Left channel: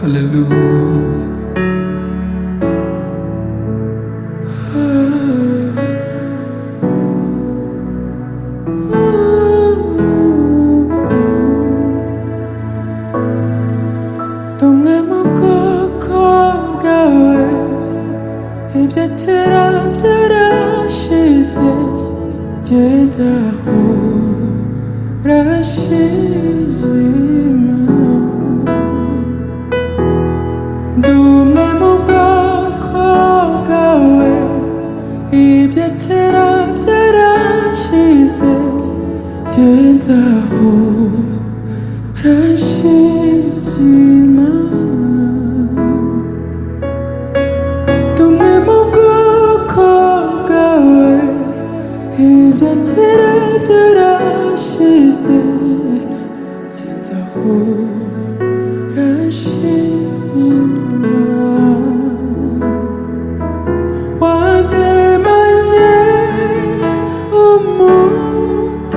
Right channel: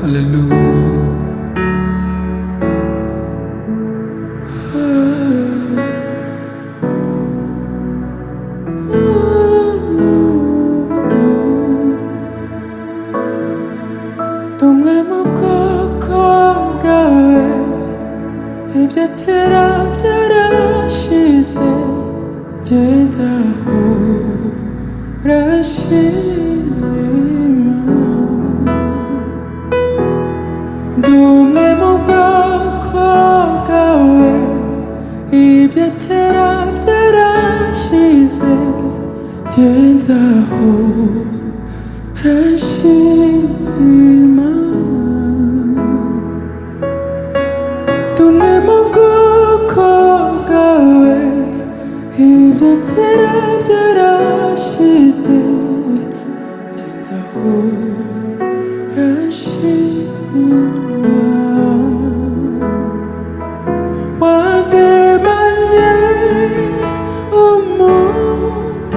Hallelujah. Думай мовкоковгаве Ibyaterabyarashize Genda urashima Dumwe mu bwoko bwawe Ibyaterabyarashize Genda urashima Dumwe mu bwoko bwawe Ibyaterabyarashize Genda urashima Wandemanye umutima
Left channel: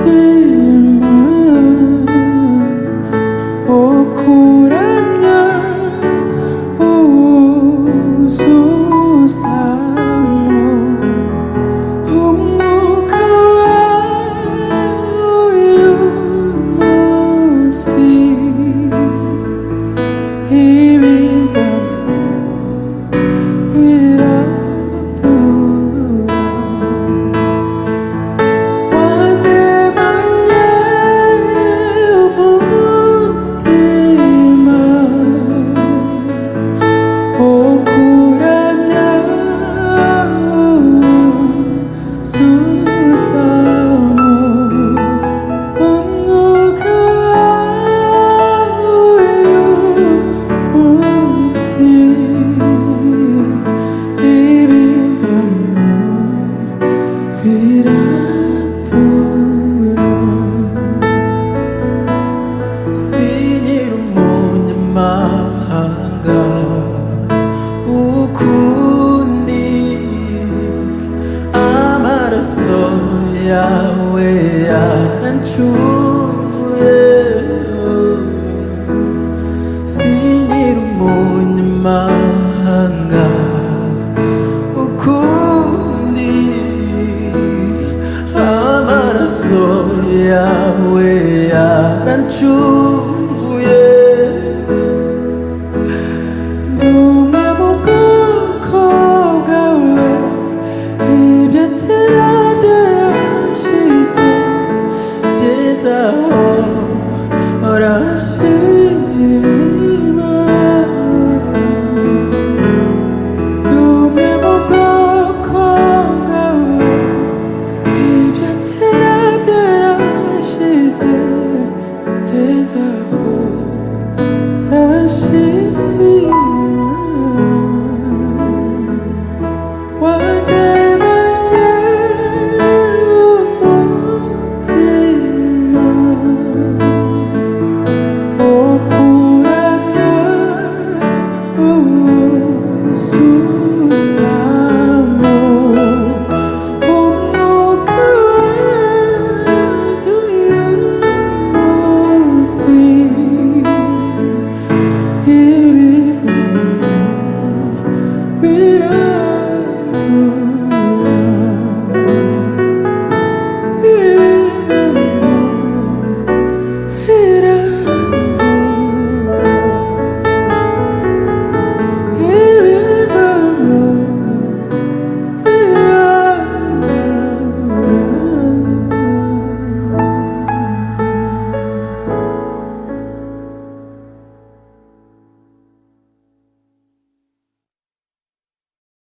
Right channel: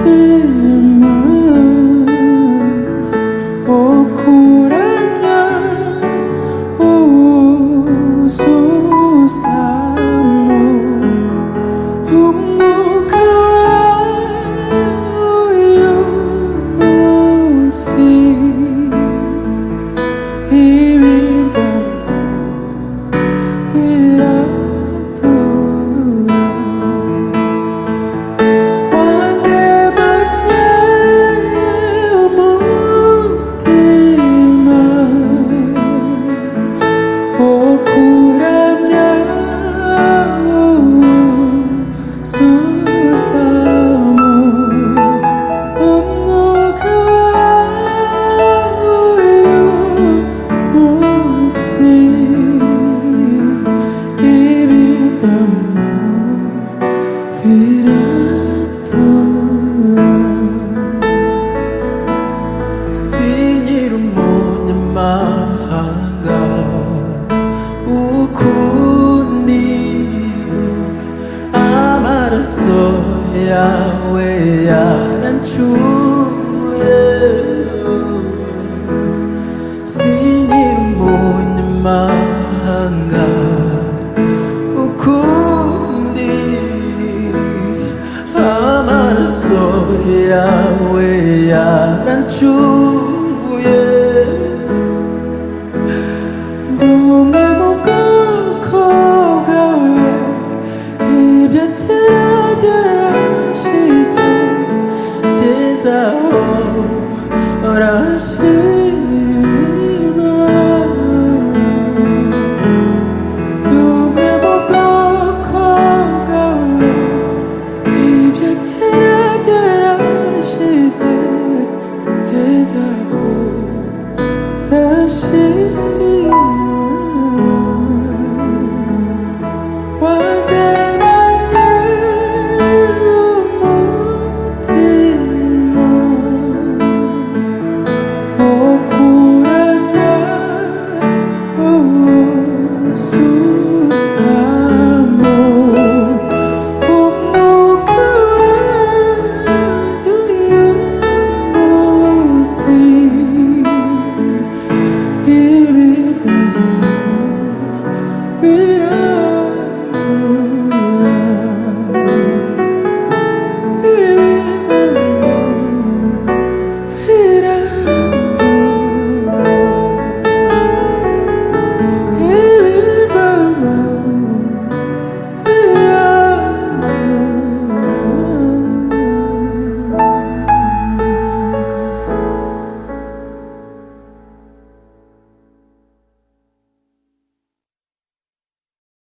wo kuramya uwuzuzamo umwuka w'uyu munsi ibimvamo birabura wandemanye umutima wo kuramya uwuzuzamo umwuka w'uyu munsi ibimvamo birabura sinyira umunyamahanga ukundi amaraso yawe yarancuye sinyira umunyamahanga ukundi amaraso yawe yarancuye Dumwe mu bwoko bwawe Ibyaterabyarashize Genda urashima Dumwe mu bwoko bwawe Ibyaterabyarashize Genda urashima